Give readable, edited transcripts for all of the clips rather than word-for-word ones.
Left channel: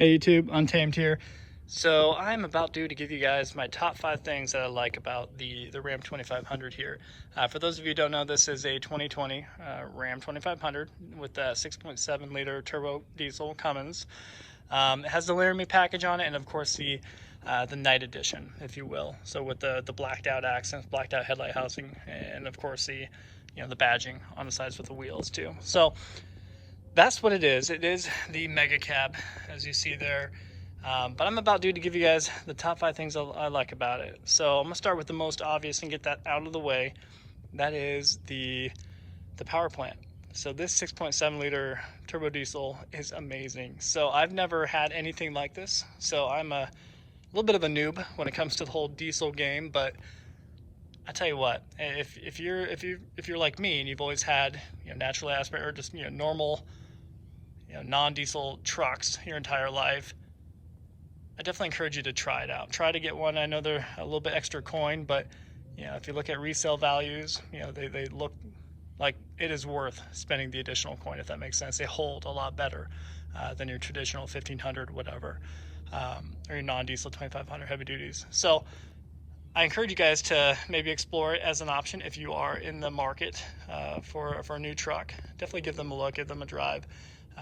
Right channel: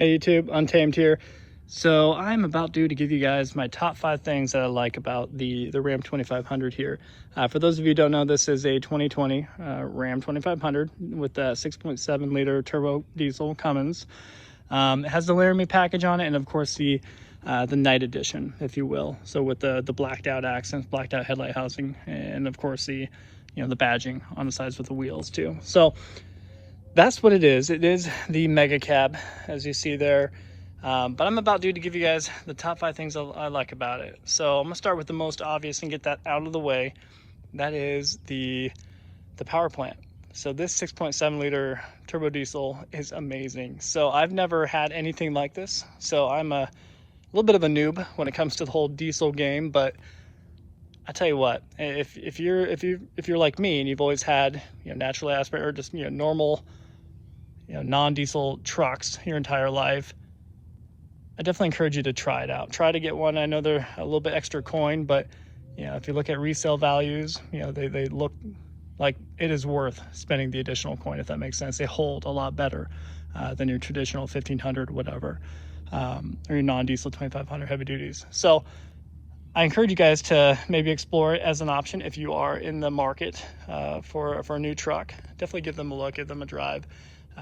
Hey YouTube, Untamed here. So I'm about due to give you guys my top 5 things that I like about the Ram 2500 here. For those of you who don't know, this is a 2020 Ram 2500 with a 6.7 liter turbo diesel Cummins. It has the Laramie package on it, and of course the Night Edition, if you will. So with the blacked out accents, blacked out headlight housing, and of course the the badging on the sides with the wheels too. So that's what it is. It is the mega cab, as you see there. But I'm about due to give you guys the top 5 things I like about it. So I'm gonna start with the most obvious and get that out of the way. That is the power plant. So this 6.7 liter turbo diesel is amazing. So I've never had anything like this. So I'm a little bit of a noob when it comes to the whole diesel game, but I tell you what, if you're like me and you've always had naturally aspirated or just normal non-diesel trucks your entire life, I definitely encourage you to try it out. Try to get one. I know they're a little bit extra coin, but if you look at resale values, they look like it is worth spending the additional coin, if that makes sense. They hold a lot better than your traditional 1500 whatever, or your non-diesel 2500 heavy duties. So I encourage you guys to maybe explore it as an option if you are in the market for a new truck. Definitely give them a look, give them a drive.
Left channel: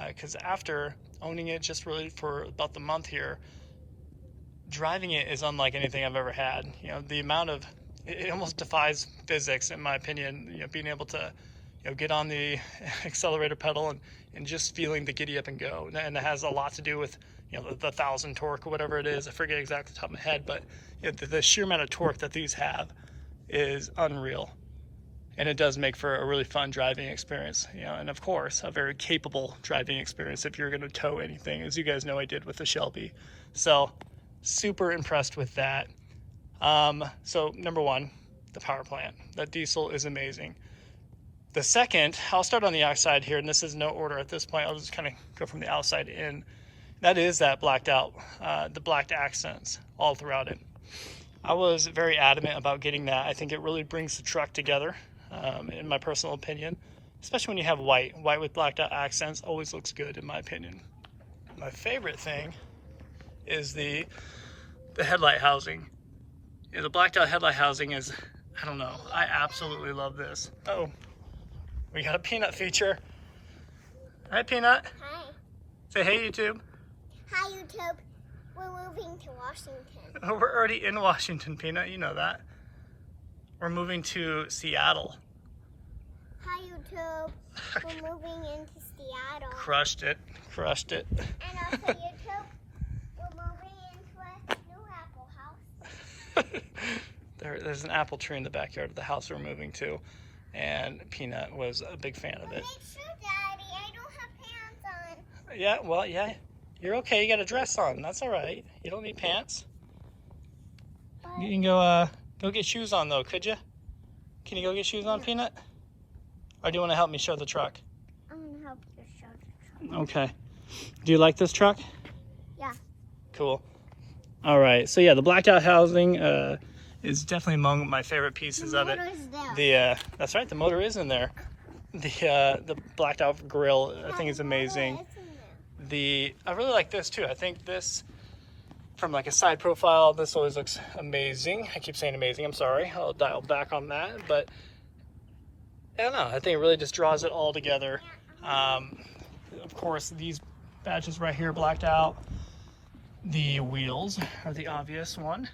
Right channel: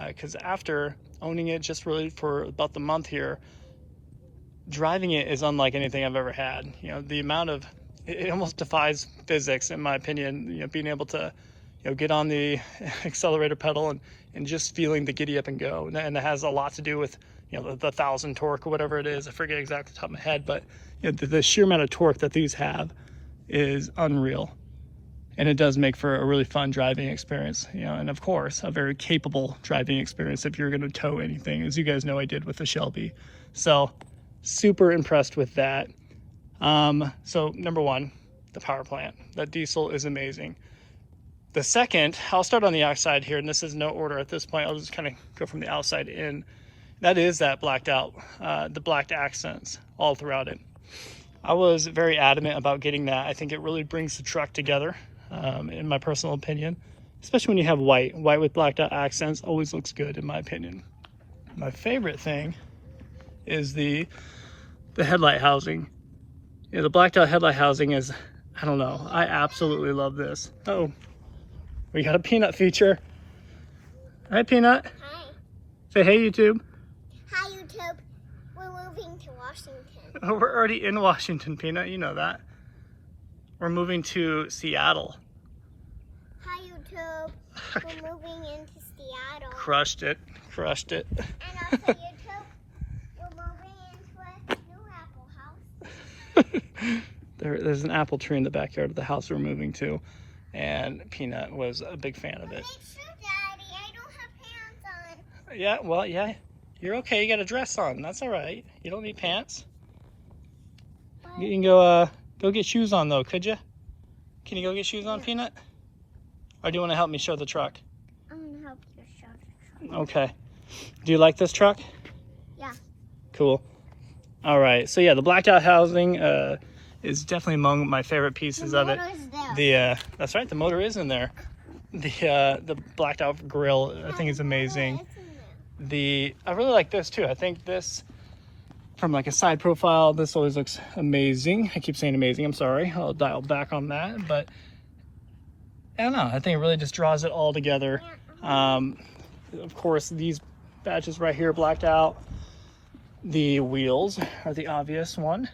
Because after owning it just really for about the month here, driving it is unlike anything I've ever had. The amount of, it almost defies physics in my opinion, being able to get on the accelerator pedal and just feeling the giddy up and go. And it has a lot to do with the 1,000 torque or whatever it is. I forget exactly off the top of my head, but the sheer amount of torque that these have is unreal. And it does make for a really fun driving experience, and of course, a very capable driving experience if you're going to tow anything, as you guys know I did with the Shelby. So super impressed with that. So number 1, the power plant. That diesel is amazing. The second, I'll start on the outside here, and this is no order at this point. I'll just kind of go from the outside in. That is that blacked out, the blacked accents all throughout it. I was very adamant about getting that. I think it really brings the truck together. In my personal opinion, especially when you have white with blacked out accents, always looks good in my opinion. My favorite thing is the headlight housing. The blacked out headlight housing is, I don't know, I absolutely love this. Oh, we got a Peanut feature. Hi Peanut. Hi. Say hey YouTube. Hi YouTube. We're moving to Washington. Oh, we're already in Washington, Peanut, you know that. We're moving to Seattle. Hi YouTube. We're moving into Seattle. Crushed it. And also YouTube, we're moving into a new apple house. There's an apple tree in the backyard of the house we're moving to, and Peanut was a big fan of it. Make sure, Daddy, I don't have pants on. Yeah, well, yeah, you're okay. You got a dress on. That's all right. You don't need pants. You can go get shoes on though, could you? Can you go get shoes on, Peanut? Or do you want to help me show the truck? I'm going to help you show the truck. Okay. Do you like this truck? Yeah. Cool. All right. So yeah, the blacked out housing is definitely among my favorite pieces of it. That's right. The motor is in there. The blacked out grille, I think, is amazing. I really like this too. I think this, from like a side profile, this always looks amazing. I keep saying amazing, I'm sorry. I'll dial back on that, but I don't know. I think it really just draws it all together. Of course, these badges right here blacked out. The wheels are the obvious one.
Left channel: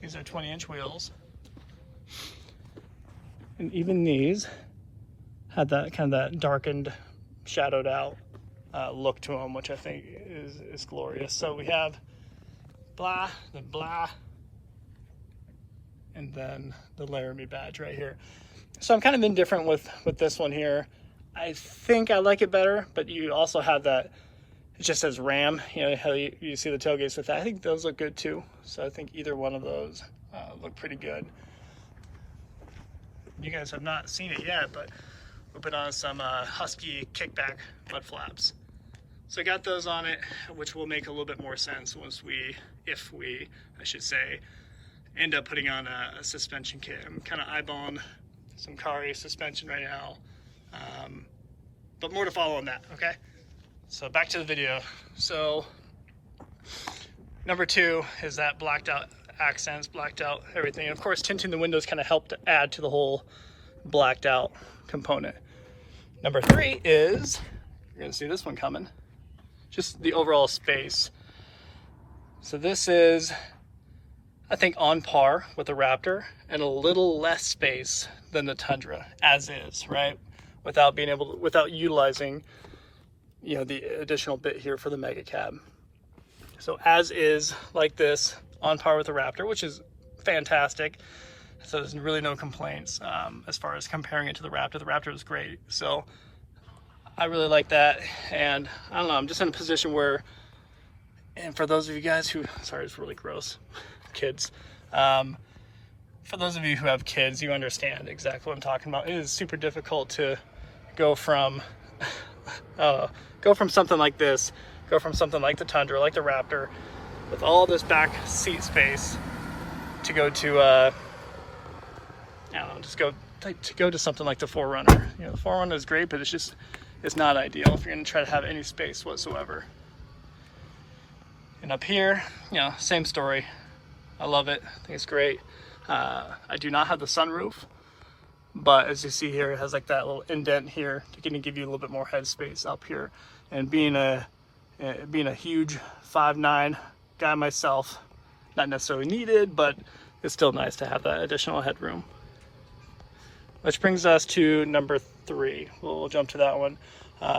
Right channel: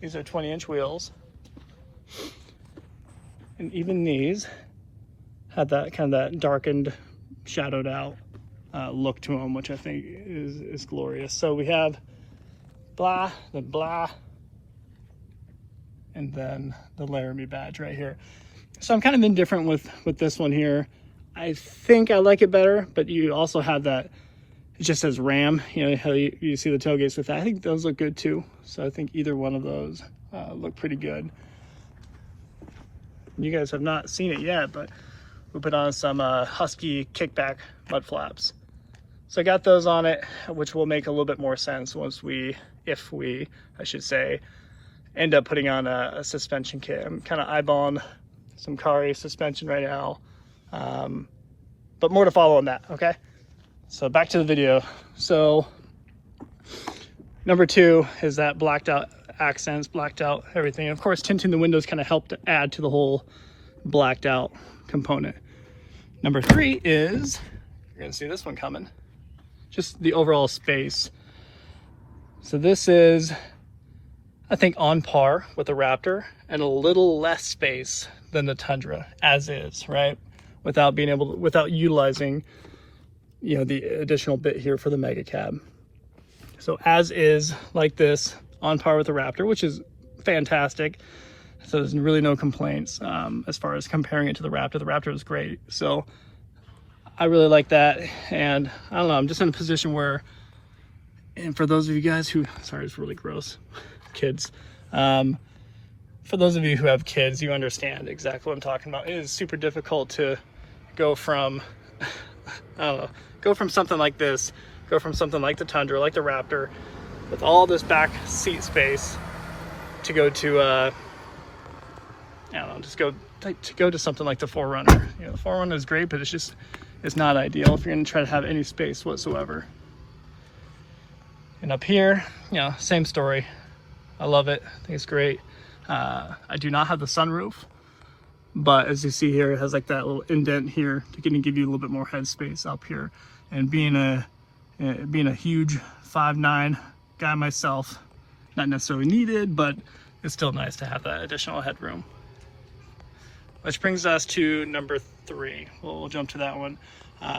These are 20-inch wheels. And even these had that kind of that darkened, shadowed out look to them, which I think is glorious. So we have blah, and then the Laramie badge right here. So I'm kind of indifferent with this one here. I think I like it better, but you also have that, it just says Ram, how you see the tailgates with that. I think those look good too. So I think either one of those look pretty good. You guys have not seen it yet, but we put on some Husky kickback mud flaps. So I got those on it, which will make a little bit more sense if we, I should say, end up putting on a suspension kit. I'm kind of eyeballing some Kari suspension right now, but more to follow on that, okay? So back to the video. So number 2 is that blacked out accents, blacked out everything. And of course, tinting the windows kind of helped to add to the whole blacked out component. Number 3 is, you're gonna see this one coming, just the overall space. So this is, I think, on par with the Raptor and a little less space than the Tundra as is, right? Without being able to, without utilizing, you know, the additional bit here for the mega cab. So as is, like this, on par with the Raptor, which is fantastic. So there's really no complaints as far as comparing it to the Raptor. The Raptor is great. So I really like that. And I don't know, I'm just in a position where, and for those of you guys who, sorry, it's really gross, kids. For those of you who have kids, you understand exactly what I'm talking about. It is super difficult to go from, go from something like this, go from something like the Tundra, like the Raptor, with all this back seat space, to go to, I don't know, just go to something like the 4Runner. You know, the 4Runner is great, but it's not ideal if you're gonna try to have any space whatsoever. And up here, you know, same story. I love it, I think it's great. I do not have the sunroof, but as you see here, it has like that little indent here to kind of give you a little bit more headspace up here. And being a huge 5'9" guy myself, not necessarily needed, but it's still nice to have that additional headroom. Which brings us to number 3. We'll jump to that one.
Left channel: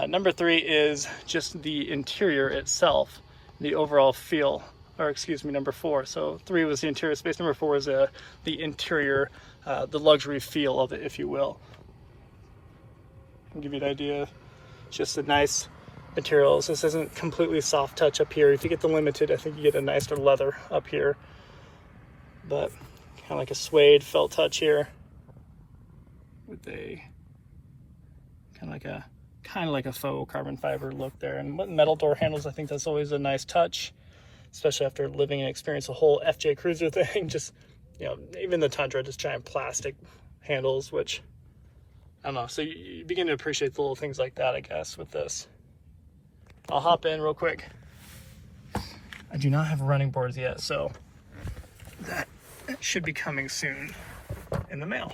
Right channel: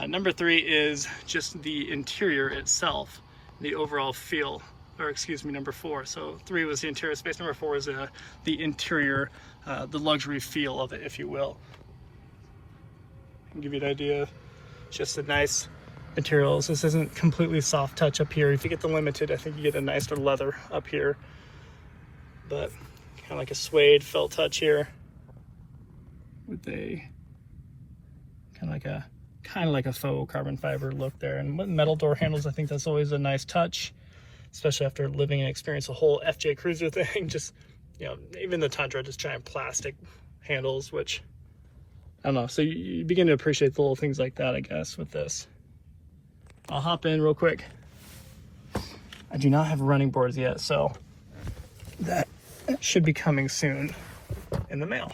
Number 3 is just the interior itself, the overall feel. Or excuse me, number 4. So 3 was the interior space. Number 4 is the interior, the luxury feel of it, if you will. I'll give you an idea. Just a nice materials. This isn't completely soft touch up here. If you get the limited, I think you get a nicer leather up here, but kind of like a suede felt touch here with a kind of like a faux carbon fiber look there. And metal door handles, I think that's always a nice touch, especially after living and experience the whole FJ Cruiser thing. Just, you know, even the Tundra, just giant plastic handles, which I don't know. So you begin to appreciate the little things like that, I guess, with this. I'll hop in real quick. I do not have running boards yet, so that should be coming soon in the mail.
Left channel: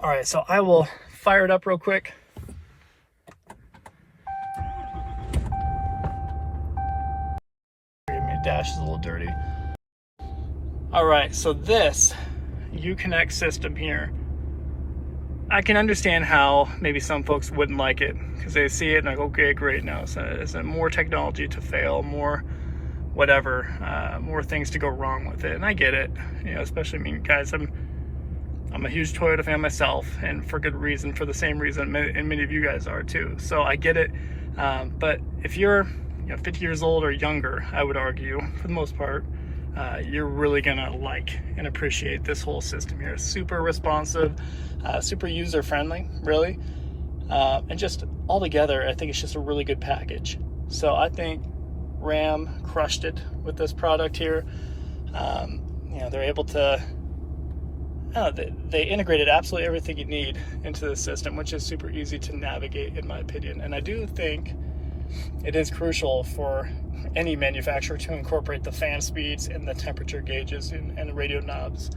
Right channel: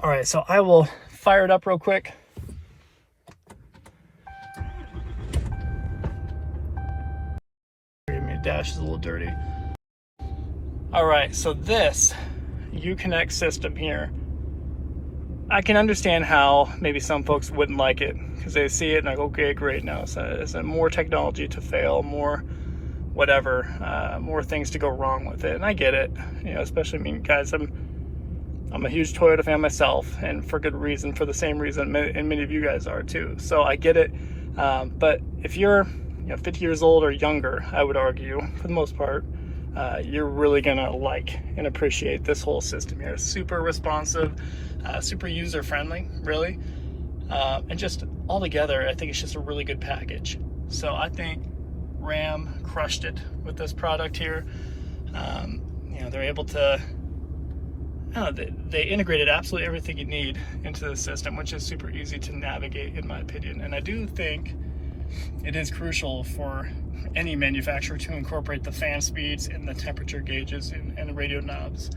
All right, so I will fire it up real quick. My dash is a little dirty. All right, so this UConnect system here, I can understand how maybe some folks wouldn't like it because they see it and like, okay, great, now it's more technology to fail, more whatever, more things to go wrong with it. And I get it, you know, especially, I mean, guys, I'm a huge Toyota fan myself, and for good reason, for the same reason, and many of you guys are too. So I get it, but if you're 50 years old or younger, I would argue, for the most part, you're really gonna like and appreciate this whole system here. Super responsive, super user-friendly, really. And just all together, I think it's just a really good package. So I think Ram crushed it with this product here. You know, they're able to, they integrated absolutely everything you need into the system, which is super easy to navigate, in my opinion. And I do think it is crucial for any manufacturer to incorporate the fan speeds and the temperature gauges and the radio knobs.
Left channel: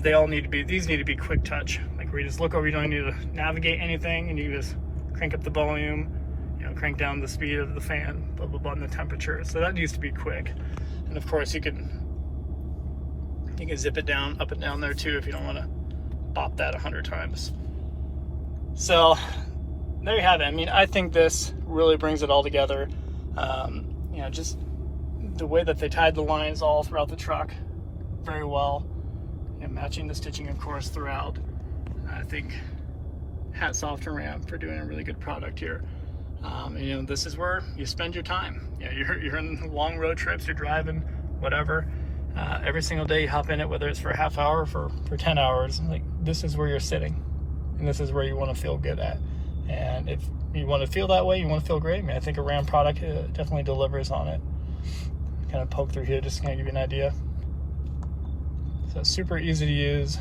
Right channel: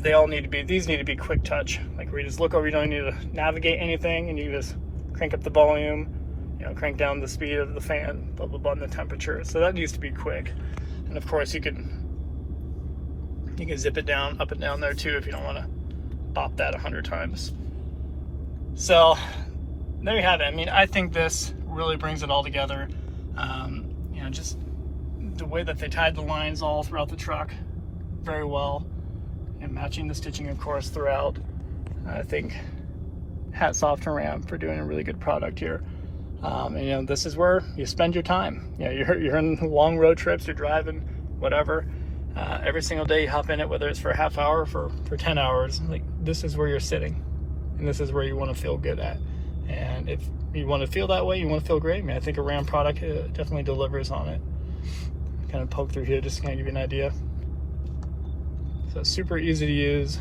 They all need to be, these need to be quick touch. Like where you just look over, you don't need to navigate anything, and you just crank up the volume, you know, crank down the speed of the fan, blah, blah, blah, and the temperature. So that needs to be quick. And of course you can zip it down, up and down there too, if you don't want to pop that 100 times. So there you have it. I mean, I think this really brings it all together. You know, just the way that they tied the lines all throughout the truck very well, and matching the stitching, of course, throughout. I think hats off to Ram for doing a really good product here. And, you know, this is where you spend your time. Yeah, you're in long road trips, you're driving, whatever. Every single day you hop in it, whether it's for a half hour or for 10 hours. Like, this is where you're sitting, and this is where you want to feel good at. And if you want to feel that way, you want to feel great, man, I think a Ram product definitely delivers on it. Kind of poke through here just to kind of give you an idea. So it's super easy to use.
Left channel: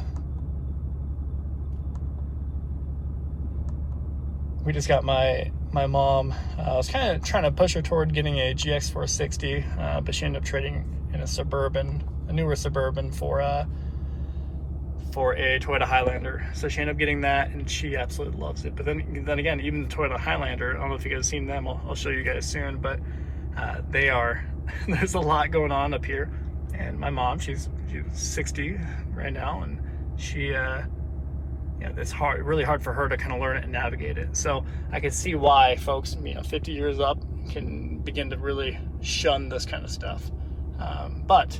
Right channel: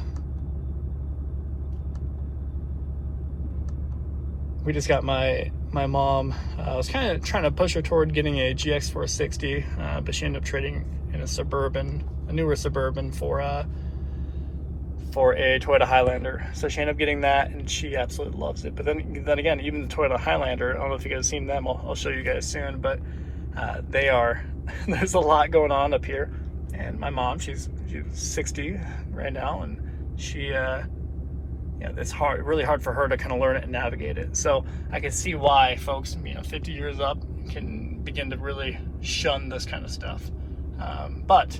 we just got my mom. I was kind of trying to push her toward getting a GX460, but she ended up trading in a newer Suburban for a Toyota Highlander. So she ended up getting that, and she absolutely loves it. But then again, even the Toyota Highlander, I don't know if you guys have seen them. I'll show you guys soon, but there's a lot going on up here. And my mom, she's 60 right now, and she it's really hard for her to kind of learn it and navigate it. So I can see why folks 50 years up can begin to really shun this kind of stuff. But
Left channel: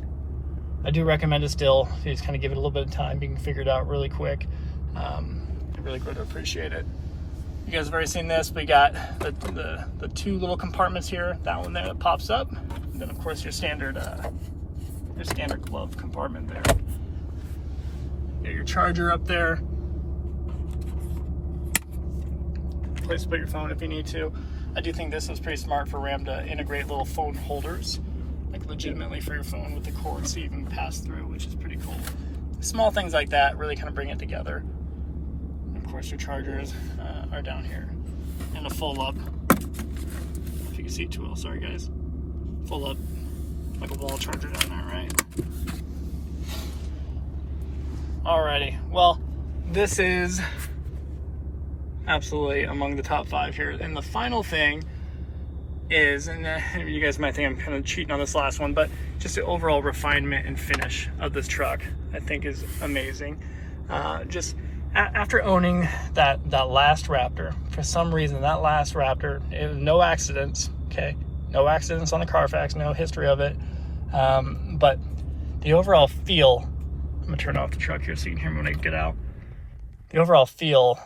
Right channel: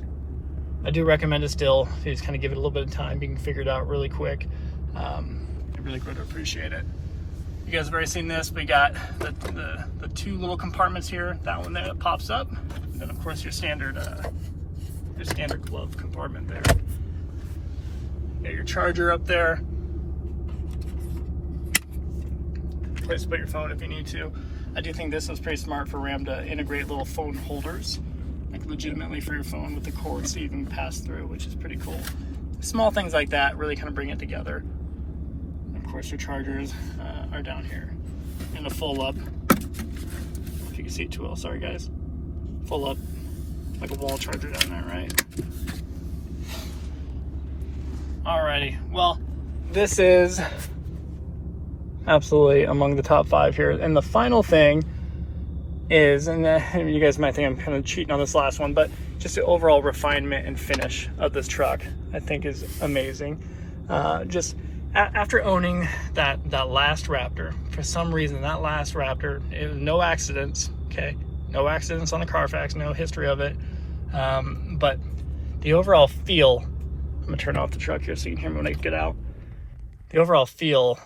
I do recommend it still. You just kind of give it a little bit of time. You can figure it out really quick. I really would appreciate it. You guys have already seen this. We got the two little compartments here. That one there that pops up. And then of course your standard glove compartment there. You got your charger up there. Place to put your phone if you need to. I do think this is pretty smart for Ram to integrate little phone holders, like legitimately for your phone with the cord, so you can pass through, which is pretty cool. Small things like that really kind of bring it together. And of course, your chargers are down here in a full up. If you can see it too well, sorry guys. Full up, like a wall charger down there, right? Alrighty, well, this is absolutely among the top 5 here. And the final thing is, and you guys might think I'm kind of cheating on this last one, but just the overall refinement and finish of this truck I think is amazing. Just after owning that last Raptor, for some reason that last Raptor, it was no accidents, okay? No accidents on the Carfax, no history of it. But the overall feel, I'm gonna turn off the truck here so you can hear me when I get out. The overall feel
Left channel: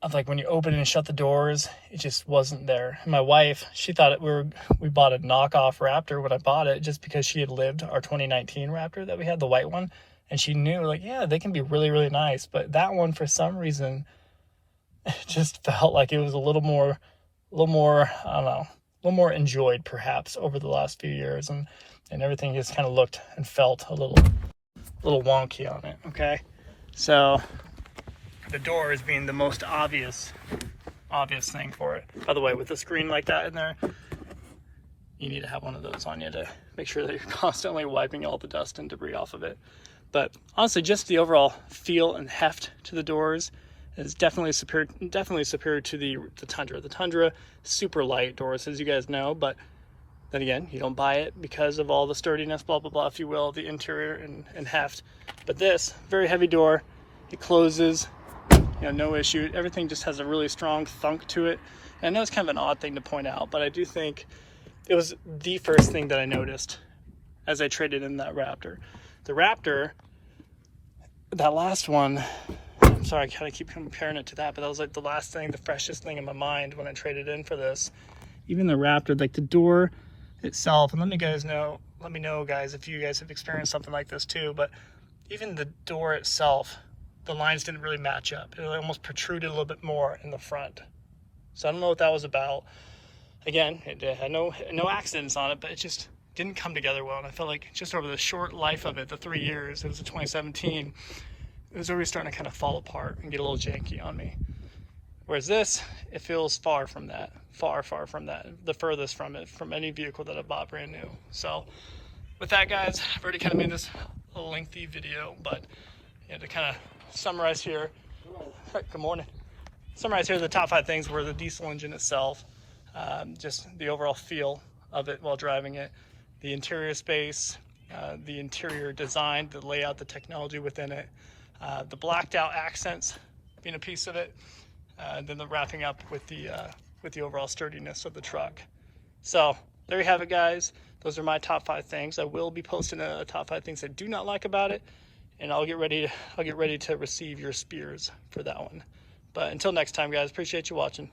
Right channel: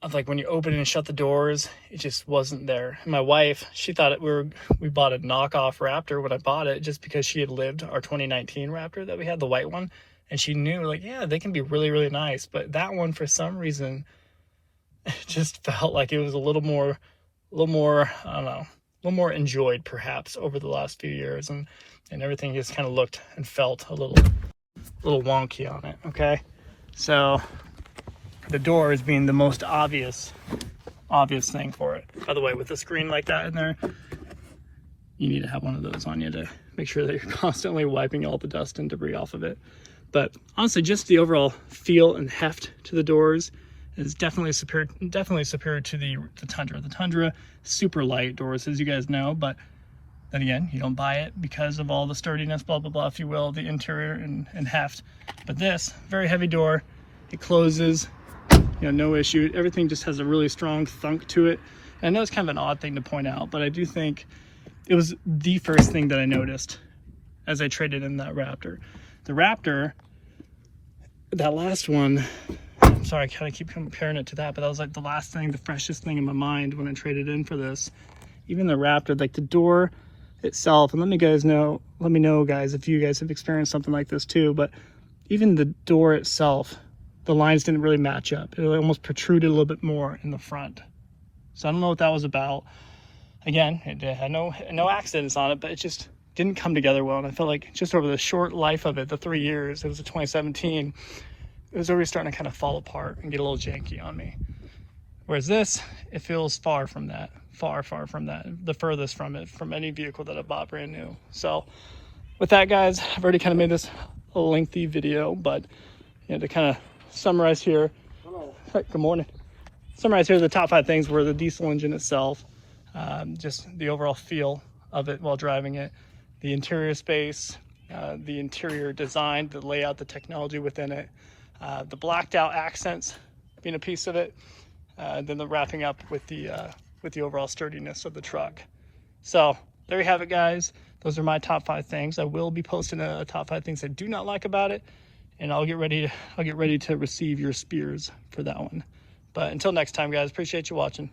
of like when you open and shut the doors, it just wasn't there. And my wife, she thought we bought a knockoff Raptor when I bought it, just because she had lived our 2019 Raptor that we had, the white one, and she knew like, yeah, they can be really, really nice. But that one, for some reason, it just felt like it was a little more, I don't know, a little more enjoyed perhaps over the last few years, and everything just kind of looked and felt a little wonky on it. Okay, so the doors being the most obvious thing for it. By the way, with a screen like that in there, you need to have one of those on you to make sure that you're constantly wiping all the dust and debris off of it. But honestly, just the overall feel and heft to the doors is definitely superior to the Tundra. The Tundra, super light doors, as you guys know, but then again, you don't buy it because of all the sturdiness, blah, blah, blah, if you will, the interior and heft. But this, very heavy door, it closes, no issue. Everything just has a really strong thunk to it. And I know it's kind of an odd thing to point out, but I do think it was the first thing that I noticed as I traded in that Raptor. The Raptor, that last one, sorry, I kind of keep comparing it to that, but that was like the last thing, the freshest thing in my mind when I traded in for this. Even the Raptor, like the door itself, and let me know guys if you guys have experienced something like this too, but even the door itself, the lines didn't really match up. It almost protruded a little bit more in the front. So I don't know what that was about. Again, it had no accidents on it, but it just didn't come together well. And I felt like just over the short life of it, the 3 years, it was a 2017, it was already starting to kind of fall apart and get a little janky on me. Whereas this, it feels far from that, far from that, the furthest from it, from any vehicle that I bought brand new. So with that, guys, I've already kind of made this a lengthy video, but to kind of summarize here, good morning. Summarize here, the top 5 things were the diesel engine itself, just the overall feel of it while driving it, the interior space, the interior design, the layout, the technology within it, the blacked out accents being a piece of it, then the wrapping up with the overall sturdiness of the truck. So there you have it, guys. Those are my top 5 things. I will be posting a top 5 things I do not like about it, and I'll get ready to receive your spears for that one. But until next time, guys, appreciate you watching.